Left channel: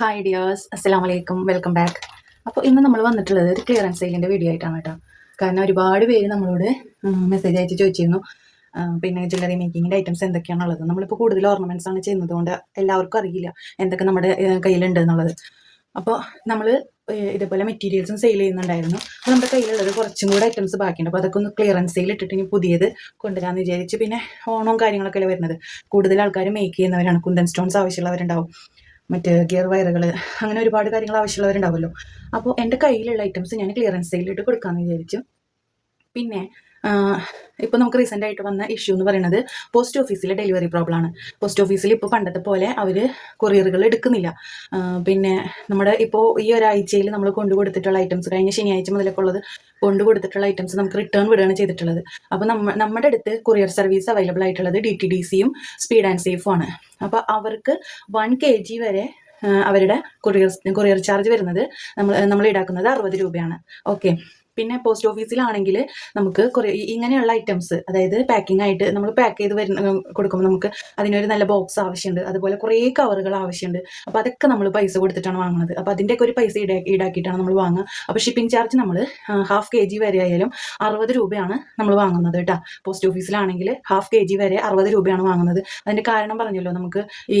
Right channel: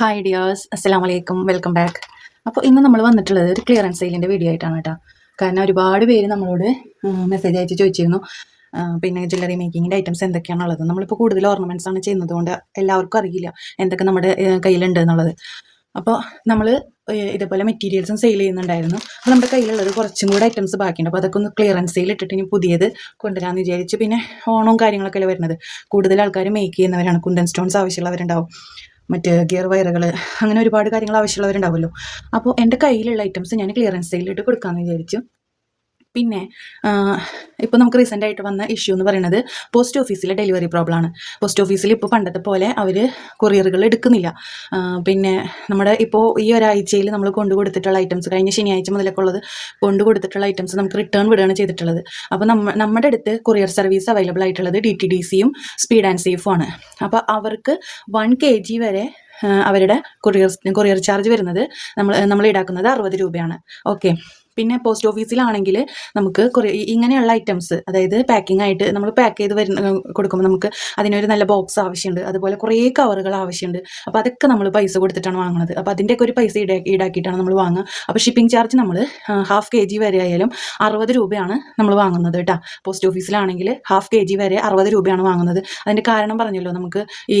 Hi dears, അസ്സലാമു അലൈക്കും, welcome back. അപ്പോൾ ഇന്ന് നമ്മൾ വന്നിട്ടുള്ളത് ഒരു ക്ലിയറൻസ് സെയിലിൻ്റെ വീഡിയോ ആയിട്ടാണ് കേട്ടോ. കാരണം ഒരുപാട് പേര് നമ്മളോട് മെസ്സേജ് അയച്ച് ചോദിച്ചിരുന്നു, പിന്നെ ജ്വല്ലറി മേക്കിങ്ങിൻ്റെ ഐറ്റംസ് എന്തൊക്കെയാണുള്ളത്. നമ്മളിപ്പോൾ കൂടുതൽ ഓർണമെൻറ്റ്സ് ആണ് ചെയ്യുന്നത് കൊണ്ട് എല്ലാവർക്കും അറിയില്ല എന്തൊക്കെ നമ്മുടെ കയ്യിലുണ്ട് എന്നുള്ളത്. അപ്പോൾ നമ്മൾ ഇതേപോലെ മെറ്റീരിയൽസും സെയിൽ ചെയ്യുന്നുണ്ടായിരുന്നു. അപ്പോൾ നമ്മുടെ കയ്യിലുള്ളത് കുറച്ചും കൂടെ ഐറ്റംസ് ബാക്കിയുണ്ട്. അപ്പോൾ അതൊക്കെ ഒന്ന് ക്ലിയറൻസ് സെയിൽ ഇട്ടിട്ട് ഇനി പുതിയത് കൊണ്ടുവരാമെന്ന് വിചാരിച്ച്. പിന്നെ ഓണവും കാര്യങ്ങളൊക്കെ അല്ലേ വരുന്നത്. കൂടുതൽ ആൾക്കാർ മേക്ക് ചെയ്യുന്നവരാണ്. കുന്തൻ സ്റ്റോൺസ് ആവശ്യമുള്ളവരുണ്ടാവും, മറ്റ് ഗിയർ വയറുകൾ, അങ്ങനെ ഒരുപാട് കാര്യങ്ങൾ ആവശ്യമുള്ളവരുണ്ടാവുമല്ലോ. അപ്പോൾ എൻ്റെ കയ്യിലുള്ള ഐറ്റംസ് ഞാൻ ക്ലിയറൻസ് സെയിലിട്ട് കൊടുക്കാമെന്ന് വിചാരിച്ചു. പിന്നെ ഇപ്പോൾ നമുക്ക് റീസെൻ്റ് ആയിട്ട് വന്ന ഇഷ്യൂ എന്ന് പറയുന്നത് പോസ്റ്റ് ഓഫീസിലെ ഡെലിവറി പ്രോബ്ലമാണ്. പോസ്റ്റ് ഓഫീസിൽ ഇപ്പോൾ പണ്ടത്തെ പോലെ അവർ കൊറിയറുകൾ എടുക്കുന്നില്ല. പിന്നെ നമ്മുടെ ഇപ്പോൾ ഈ ഒരാഴ്ചയിൽ നമ്മൾ കൊണ്ടു കൊടുത്തിട്ടുള്ള ഐറ്റംസ്, കഴിഞ്ഞ ശനിയാഴ്ച മുതലൊക്കെ ഉള്ളത് കൊണ്ടു കൊടുത്തിട്ടുള്ള ഐറ്റംസ് നമുക്ക് റിട്ടേൺ വിടുകയാണ് ചെയ്തിട്ടുള്ളത്. അപ്പോൾ നമ്മുടെ അടുത്ത് കൊറിയർ സർവീസ് അവൈലബിൾ ആയിട്ടുള്ളത് DTDCയും സ്പീഡ് ആൻഡ് സേഫും ആണ്. അപ്പോൾ അവർക്ക് 1 kg വരെ അവരുടെ കൊറിയർ ചാർജ് വരുന്നത് നമ്മൾ ഈടാക്കുന്നത് 60 രൂപയാണ്. ഓക്കെ. പിന്നെ പോസ്റ്റ് ഓഫീസിലാണെങ്കിൽ നമുക്ക് കുറേ ഇങ്ങനെയുള്ള ഐറ്റംസ്, അതായത് പാക്കിംഗ് ആയിട്ട് നമ്മൾ പാക്ക് ചെയ്ത് കൊടുക്കുമ്പോൾ നമുക്ക് അതിനൊരു നല്ല ബോക്സ് ആവശ്യമുണ്ട്, അതുപോലെ കുറേ കവറുകൾ ആവശ്യമുണ്ട്. അപ്പോൾ അതൊക്കെ നമ്മൾ പൈസ കൊടുത്തിട്ടാണ് വാങ്ങുന്നത്. അപ്പോൾ അതിൻ്റെയൊക്കെ ഒരു പൈസ ഈടാക്കിയിട്ടാണ് നമ്മൾ വാങ്ങുക. അപ്പോൾ ഷിപ്പിംഗ് ചാർജ് നമ്മൾ 1/2 kg വരെ ആയാലും 60 രൂപയാണ് നമ്മൾ വാങ്ങുന്നത് കേട്ടോ. പോസ്റ്റ് ഓഫീസിലാണെങ്കിൽ 1/2 kg വരെ 60 രൂപയാണ് വാങ്ങുന്നത്. അതിൻ്റെ കാരണം പറഞ്ഞല്ലോ, നമുക്ക് ഈ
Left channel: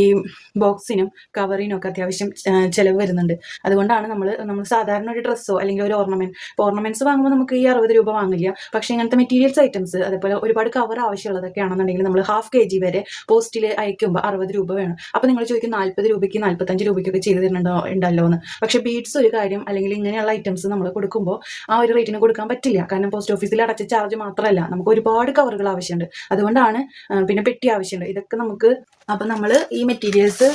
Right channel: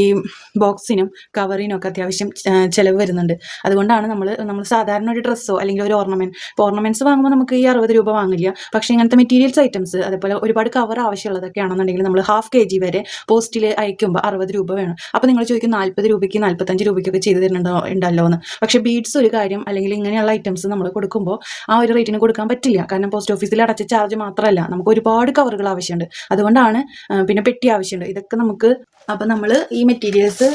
ബോക്സിനും കവറിനും ഒക്കെ അത്യാവശ്യം ചിലവ് വരുന്നുണ്ട്. അതുകൊണ്ടാണ് നമ്മൾ സാധാരണ ഒരു ഡ്രസ്സോ അല്ലെങ്കിൽ ഒരു ഓർണമെൻറ്റ്സ് വാങ്ങുമ്പോൾ നമുക്ക് ഈ 60 രൂപ വാങ്ങില്ല. പക്ഷേ ഇങ്ങനത്തെ മെറ്റീരിയൽസ് ഐറ്റംസ്, അതേപോലെ ഒരുപാട് കവർ ആവശ്യമുള്ളതൊക്കെ ആണെന്നുണ്ടെങ്കിൽ നമ്മൾ 1/2 kg വരെ പോസ്റ്റിൽ അയക്കുമ്പോൾ 60 രൂപ വേണം. അപ്പോൾ നിങ്ങൾ ചോദിക്കും 40 രൂപയ്ക്ക് 45 രൂപയ്ക്കൊക്കെ ചെയ്ത് ഉണ്ടല്ലോ എന്ന്. പക്ഷേ ബീഡ്സ് ഒരു കാര്യം, അല്ലെങ്കിൽ ഇങ്ങനെയുള്ള ഐറ്റംസ് നമ്മൾ കൊടുക്കുമ്പോൾ ആ ഒരു റേറ്റിന് കൊടുക്കാൻ പറ്റില്ല. കാരണം പോസ്റ്റ് ഓഫീസിൽ അടച്ച ചാർജ് മാത്രമല്ല, നമുക്ക് ഒരുപാട് കവറുകൾ ആവശ്യമുണ്ട്. അതുകൊണ്ടാണ്. പിന്നെ പെട്ടി ആവശ്യമുണ്ട്. ഇതൊക്കെ നമുക്ക്, അപ്പോൾ നമ്മൾ ഈ മെറ്റീരിയൽസ്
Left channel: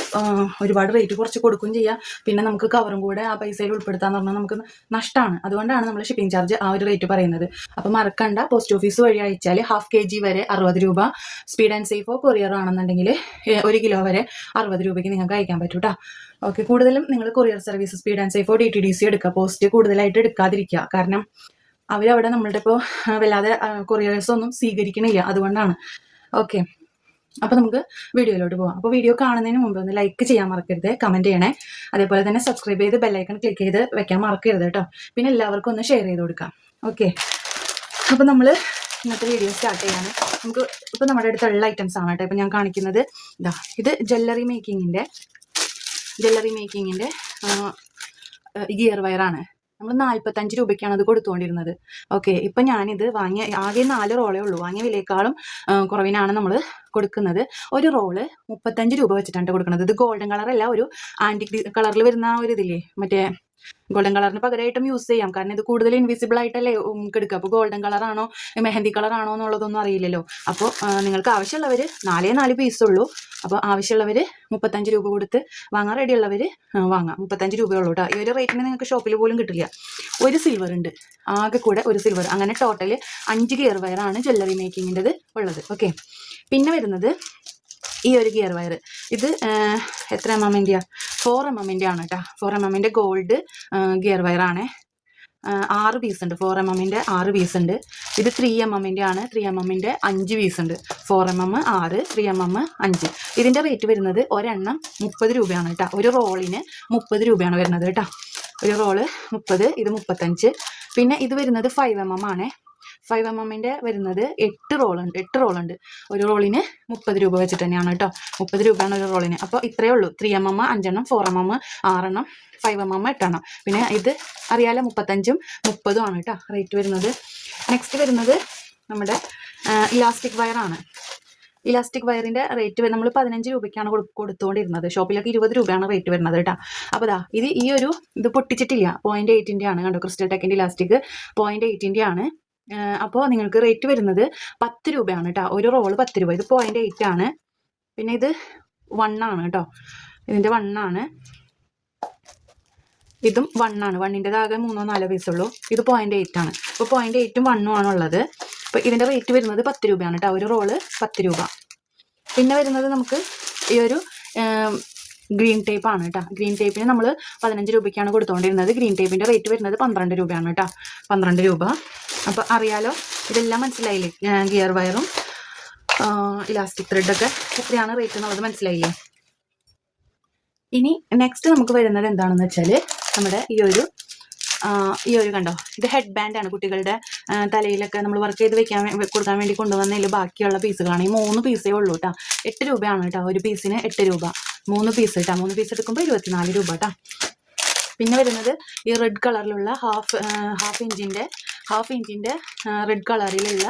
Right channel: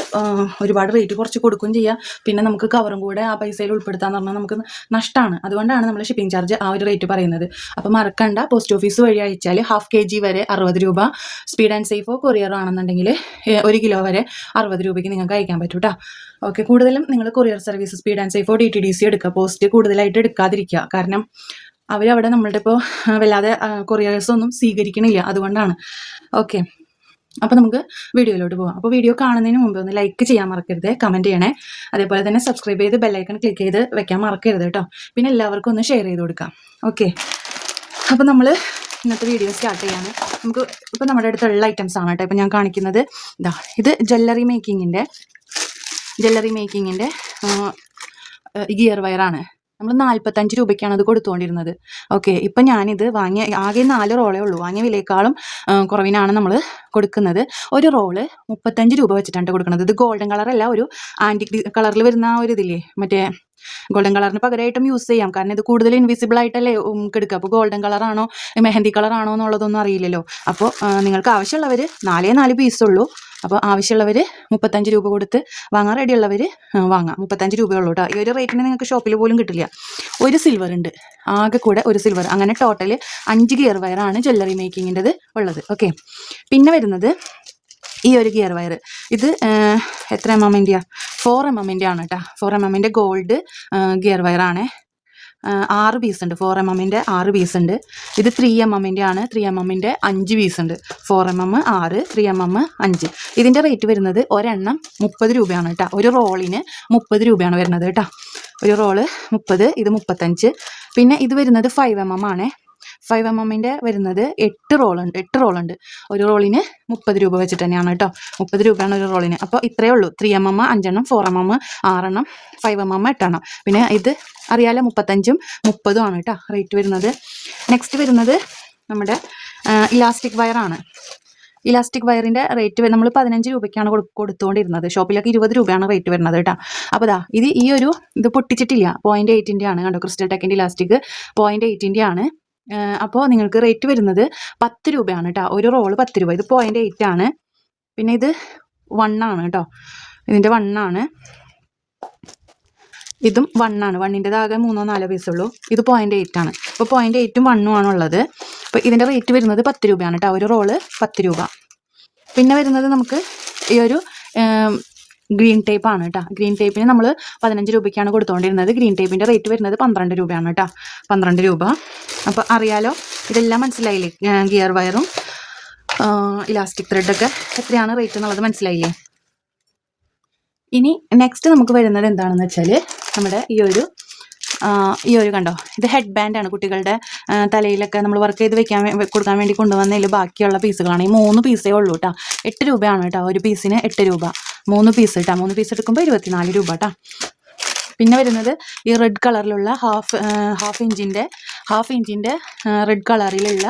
ഒരുപാട് റേറ്റ് കുറച്ച് കൊടുക്കുകയും ചെയ്യാം. പിന്നെ നമുക്ക് കവറും കൂടെ ആ പൈസയിൽ ഉൾപ്പെടുത്താന്ന് പറഞ്ഞാൽ നമുക്ക് നഷ്ടമാണ്. അതുകൊണ്ടാണ് നമ്മൾ ഷിപ്പിംഗ് ചാർജ് ആ ഒരു റേറ്റ് പറയുന്നത്. അപ്പോൾ മറക്കണ്ട, പോസ്റ്റ് ഓഫീസ് വഴി അയച്ചാൽ 1/2 kg വരെ 60 രൂപ, സ്പീഡ് ആൻഡ് സേഫോ കൊറിയറോ ആണെന്നുണ്ടെങ്കിൽ 1 കിലോ വരെ 60 രൂപയ്ക്ക് നിങ്ങൾക്ക് അയക്കാൻ പറ്റും കേട്ടോ. ഓക്കെ. കൂടുതലും നിങ്ങൾ കൊറിയർ സർവീസ് സ്പീഡ് ആൻഡ് സേഫോ DTDC എടുക്കുക. പോസ്റ്റ് കൂടുതലായിട്ട് എടുക്കാതിരിക്കുക. കാരണം അവരവിടെ നമ്മളുടെ ഇപ്പോൾ വല്ലാതെ കൊറിയേഴ്സ് ഒന്നും സ്വീകരിക്കണില്ല. അതുകൊണ്ടാണ്. ഓക്കെ. അപ്പോൾ നമുക്ക് വീഡിയോയിലോട്ട് പോകാം. അപ്പോൾ വീഡിയോ കാണുന്നതിന് മുമ്പ് ഒന്ന് ലൈക്ക് ചെയ്യാൻ മറക്കരുത്, കമൻറ്റ് ചെയ്യണേ. അതേപോലെ തന്നെ സബ്സ്ക്രൈബ് ചെയ്ത് ബെല്ലൈക്കൺ ക്ലിക്ക് ചെയ്ത് വെക്കാൻ മറക്കരുത് കേട്ടോ. പിന്നെ എല്ലാവർക്കും ഒന്ന് ഷെയർ ചെയ്ത് കൊടുക്കാം. ഓക്കെ. അപ്പോൾ നമ്മൾ ഇന്നത്തെ വീഡിയോ സ്റ്റാർട്ട് ചെയ്യാണ്. നമുക്ക് ഇപ്പോൾ നമ്മുടെ അടുത്തുള്ള ഐറ്റംസ് ആണ് കേട്ടോ. ഇപ്പോൾ ഞാൻ കാണിക്കുന്നത് ഇത് ജ്വല്ലറി മേക്കിങ്ങിൻ്റെ ഗിയർ വയറാണ്. നമ്മൾ 45 രൂപയ്ക്കാണ് അത് കൊടുത്തുകൊണ്ടിരുന്നത്. ഓക്കെ. ഇപ്പം ഞാനിത് വാങ്ങിയ ആകെ 4 റോളേ ഉള്ളൂ. വാങ്ങിയ വിലയേക്കാളും കുറവിനാണ് നമ്മൾ കൊടുക്കുന്നത്. ഒരു റോള് 35 രൂപ വെച്ചിട്ടാണ് കൊടുക്കുന്നത്. ഇത് ഗോൾഡൻ കളറല്ല, ഒരു ആൻറ്റിക് കളറിൽ വരുന്ന ഒരു ഇതില്ലേ, മറ്റേ ഗോൾഡൻ കളറിന് പകരമായിട്ടും യൂസ് ചെയ്യാം. കാരണം ഇത് കൂടുതൽ ഇൻവിസിബിൾ ആയിട്ടല്ലേ എടുക്കുക. അപ്പോൾ ഗോൾഡൻ കളറാണോ മെഹന്തി കളറാണോ എന്നുള്ളതൊന്നും അറിയില്ലല്ലോ. അപ്പോൾ നിങ്ങൾക്ക് ആവശ്യമുള്ളവർ 4 പീസുള്ളൂ. അപ്പോൾ ആവശ്യമുള്ളവർ 35 രൂപ കൊടുത്ത് വാങ്ങാൻ റെഡിയുള്ളവർ വാങ്ങാം. 35 രൂപയുള്ളൂ കേട്ടോ. ഈ ഒരു റേറ്റിന് നിങ്ങൾക്ക് ഷോപ്പിൽ പോലും കിട്ടില്ല. ഒരു സിൽവർ ഉണ്ട്, ആകെ കൂടെ ഒരു സിൽവർ. അങ്ങനെ ടോട്ടൽ 5 ഗിയർ വയറാണ് ജ്വല്ലറി മേക്കിങ്ങിൻ്റെത് ഉള്ളത്. ഓക്കെ. പിന്നെ വരുന്നത് ഈ ഒരു ഗിയർ വയർ. ഇത് എത്ര mm-ൻ്റെയാ? 4 mm-ൻ്റെ ആണ് കേട്ടോ. 4 mm-ൻ്റെ ഗോൾഡ് ഗിയർ വയറാണ്. 6 പീസ് ഉണ്ട്. 4 mm-ൻ്റെ 6 പീസ് ഉണ്ട്. ഇത് 3 mm-ൻ്റെ ആണ്. 3 mm-ൻ്റെ 5 പീസ് ഉണ്ട്. 4 mm 6, 3 mm 5. ഇതിൻ്റെ റേറ്റ് വരുന്നത് ഒരെണ്ണം 30 രൂപയാണ് കേട്ടോ. ഒരു റോളിന് 30 രൂപയാണ് വരുന്നത് കേട്ടോ. ഒരു റോള് 30, ഇത് 35. പിന്നെ ഇത് വരുന്നത് 5 mm ആണ്. 5 mm-ൻ്റെ വരുന്നത് 8 റോളുണ്ട്. ഒരു റോളിന് 30 രൂപ വെച്ചിട്ട് തന്നെയാണ് കേട്ടോ. 30 രൂപയാണ് ഒരു റോളിന്. അപ്പോൾ ഇത്രയേ ഉള്ളൂ. 3 mm 5 എണ്ണം, 4 mm 6 എണ്ണം, 5 mm 8 എണ്ണം. പിന്നെ ഇത് അറിയാലോ, 35ഉം 30ഉം ആണ് കേട്ടോ റേറ്റ് വരുന്നത്. നെക്സ്റ്റ് വരുന്നത് നമ്മുടെ ഇലാസ്റ്റിക് വയറാണ്. ഇലാസ്റ്റിക് വയറിൻ്റെ റേറ്റ് നമ്മൾ 15 രൂപയ്ക്കാണ് കൊടുത്തുകൊണ്ടിരുന്നത്. ഷോപ്പിലൊക്കെ 20 രൂപയാണ് റേറ്റ് വരുന്നത് കേട്ടോ. അപ്പോൾ ഇത് പൊട്ടിച്ചിട്ടില്ല. 0.8-ൻ്റെ ആണ് കണ്ടോ. ക്രിസ്റ്റൽ ടെക്കിൻ്റെ ഇലാസ്റ്റിക് 0.8-ൻ്റെ ആണ്. അപ്പോൾ നിങ്ങൾക്ക് റേറ്റ് വരുന്നത് 10 രൂപയാണ് കേട്ടോ. ഒരു റോള് 10 രൂപ. ഇത് 0.8 ആണ്. പിന്നെ ഇത് 1 ആണ് കേട്ടോ. ഇതിൻ്റെ 1 ആണ്. ഇതും 1 ആണ്. 1-ൻ്റെതാകെ 3-4 പീസുള്ളൂ. ഇത് 0.8 ആണ്. അപ്പോൾ 0.8ഉം 1ഉം ആണുള്ളത്. അപ്പോൾ ഇതിൻ്റെ റേറ്റ് വരുന്നത് 10 രൂപയാണ് കേട്ടോ. ഒരു റോള് 10 രൂപ. പിന്നെ വരുന്നത് നമുക്ക് ഈ ഒരു ഗ്രീൻ ടേപ്പ് ആണ് കേട്ടോ. ഗ്രീൻ ടേപ്പിന് നമ്മൾ 15 രൂപയ്ക്കാണ് കൊടുത്തുകൊണ്ടിരുന്നത്. ഗ്രീൻ ടേപ്പിൻ്റെ റേറ്റ് വരുന്നത് 12 രൂപയാണ് കേട്ടോ. 12 രൂപ. അപ്പോൾ അറിയാലോ, ഇതെല്ലാം മനസ്സിലായില്ലേ? ഗിയർ വയറും ഇലാസ്റ്റിക് ത്രെഡൊക്കെ എത്രയാണ് റേറ്റ് എന്നുള്ളത് മനസ്സിലായില്ലേ? ഇനി നെക്സ്റ്റ് നമുക്ക് വരുന്നത് എന്താണെന്ന് വെച്ചാൽ നമ്മുടെ ഈ ഒരു കണ്ടോ, ഇത് ഹെഡ് ബാൻഡാണ്. കുട്ടികളുടെ തലയിലൊക്കെ നമ്മൾ വർക്ക് ചെയ്ത് കൊടുക്കാൻ വേണ്ടി കൊണ്ടുവന്നതിൽ ബാക്കിയുള്ള പീസുകളാണ്. ഈ 3 പീസേ ഉള്ളൂ കേട്ടോ. 8 രൂപയാണ് കേട്ടോ ഒരു പീസിന്, 8 രൂപ. 3 പീസ് കേട്ടോ. 3 പീസ് എടുക്കുമ്പോൾ 24 രൂപ കേട്ടോ. പിന്നെ വരുന്നത് ഈ റെഡ് കളറിലുള്ള ഹാഫ് ഇഞ്ചിൻ്റെ റെഡ് കളറിലുള്ള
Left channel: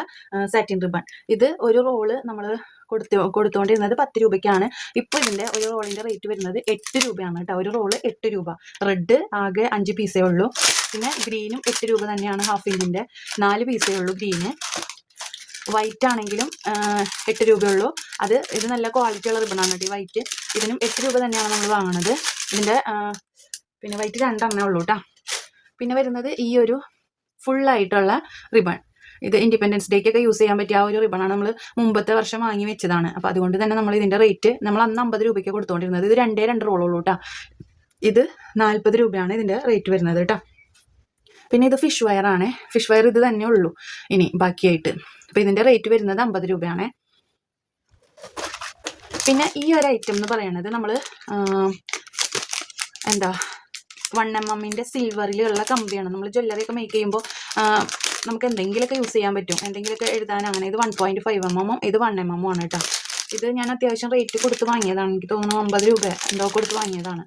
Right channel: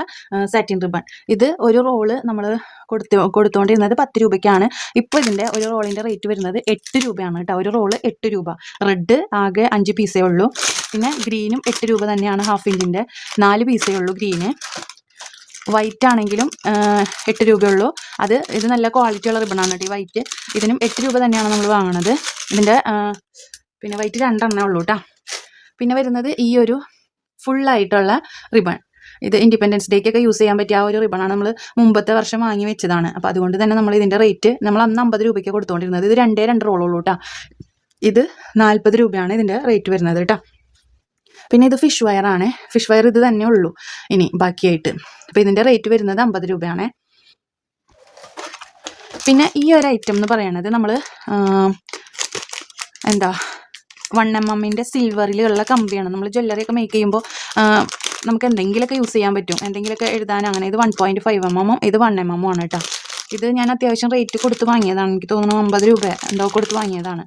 സാറ്റിൻ റിബൺ. ഇത് ഒരു റോള് നമ്മൾ കൊടുത്തുകൊണ്ടിരുന്നത് 10 രൂപയ്ക്കാണ്. ഇപ്പോൾ ഇതിൻ്റെ ഒരു റോളിൻ്റെ റേറ്റ് വരുന്നത് 8 രൂപയാണ് കേട്ടോ. ഒരു റോള് 8 രൂപ. റെഡ് ആകെ 5 പീസേ ഉള്ളൂ. പിന്നെ ഗ്രീനും 8 രൂപ തന്നെയാണ്. ഹാഫ് ഇഞ്ചിൻ്റെ 4 പീസേ ഉള്ളൂ ഗ്രീന്. വൈറ്റ് ആണെങ്കിലും 8 രൂപയുള്ളൂ. ഇത് നല്ല ക്വാളിറ്റിയുള്ള റിബണാണ് കേട്ടോ ഈ വൈറ്റ്. ഇതിനും 8 രൂപ തന്നെയാണ് നമ്മൾ വാങ്ങുന്നത്. ഇതിൻ്റെ പിന്നെ വൈറ്റ് 2 എണ്ണേ ഉള്ളൂ കേട്ടോ. പിന്നെ വരുന്നത് ഈ ഒരു ഫുള്ളായിട്ടുള്ള റിബൺ. ഇത് ഇൻഡിപെൻഡൻസ് ഡേക്കൊക്കെ യൂസ് ചെയ്യാൻ പറ്റിയ ആ ഒരു റിബണാണ്. നമ്മൾ മുമ്പത്തെ വർഷം വാങ്ങി വെച്ചതാണ്. അപ്പോൾ അതുകൊണ്ട് തന്നെ നമ്മൾ ഇതിൻ്റെ റേറ്റ് നമ്മൾ അന്ന് 50 രൂപയ്ക്ക് കൊടുത്തുകൊണ്ടിരുന്നത്. ഇത് 2 റോളുള്ളൂ കേട്ടോ. ഇത് 40 രൂപയാണ് ഇതിൻ്റെ റേറ്റ് വരുന്നത് കേട്ടോ. പിന്നെ ഇത് ഫിഷ് വയറാണ്. ഫിഷ് വയർ ഇത് തന്നെ ഉള്ളൂ ഇനി ബാക്കിയായിട്ട്. അപ്പോൾ ഇതിൻ്റെ റേറ്റ് വരുന്നത് 50 രൂപയാണ്. പിന്നെ ഈ ഒരു ഐറ്റം എന്ന് പറയുന്നത് നമ്മൾ 1mm സിൽവറിലുള്ള കമ്പിയാണ്. നമ്മൾ ജ്വല്ലറിയൊക്കെ മേക്ക് ചെയ്യുമ്പോൾ നമുക്ക് എന്തെങ്കിലുമൊക്കെ യൂസ് ചെയ്യാൻ പറ്റും, എന്തെങ്കിലുമൊക്കെ എഴുതാൻ. അങ്ങനെ ഇത് 1.5mm, ഇത് 1mm ആണ് കേട്ടോ. ഇത് ഞാൻ അത്യാവശ്യം റേറ്റ് കൊടുത്ത് വാങ്ങിയതാണ്. എനിക്ക് തോന്നുന്നു 50 രൂപ എന്തോ കൊടുത്ത് വാങ്ങിയതാണ്.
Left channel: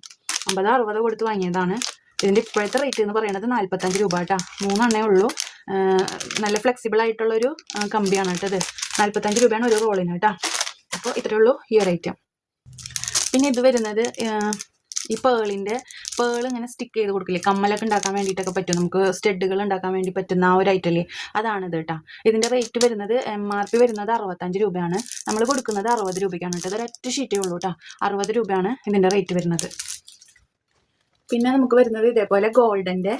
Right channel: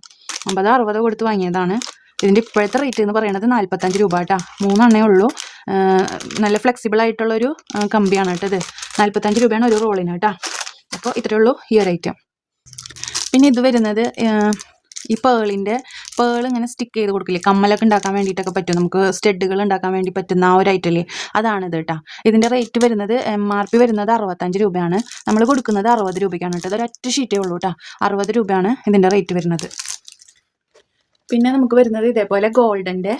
50-60 കൊടുത്ത് വാങ്ങിയതാണ്. ഇതിൻ്റെ ഇപ്പോഴത്തെ റേറ്റ് എന്ന് പറയുന്നത് 45 രൂപ കേട്ടോ. 3 എണ്ണേ ഉള്ളൂ. നല്ല ഫ്ലെക്സിബിൾ ആയിട്ടുള്ളൊരു കമ്പിയാണ് കേട്ടോ ഇത്. 45 രൂപയാണ് ഒരു റോളിന് കേട്ടോ. അപ്പോൾ ഇത്രയേ ഉള്ളൂ ഈ ഒരു ഐറ്റം. പിന്നെ ഇത് വരുന്നത് ഈ പേൾ ഇങ്ങനെ സ്റ്റിക്ക് ചെയ്ത് കൊടുക്കില്ലേ, കമ്മലൊക്കെ ഉണ്ടാക്കാൻ വേണ്ടിയിട്ടൊക്കെ പറ്റും. നമുക്ക് സ്റ്റഡുകൾ ഉണ്ടാക്കാൻ വേണ്ടി പറ്റുന്ന ആ ഒരു ഐറ്റല്ലേ, അതാണിത് കേട്ടോ. ഇതിൻ്റെ റേറ്റ് വരുന്നത് MRP വരുന്നത് 65 രൂപയാണ്. നമ്മൾ കൊടുക്കുന്നത് 60 രൂപയ്ക്കാണ് കേട്ടോ. ഇതൊരൊറ്റ ഷീറ്റേ ഉള്ളൂ കേട്ടോ. 60 രൂപയാണ് ഇതിൻ്റെ റേറ്റ് വരുന്നത്. പിന്നെ നമുക്ക് വരുന്നത് ഇതേപോലെ ഗോൾഡൻ്റെ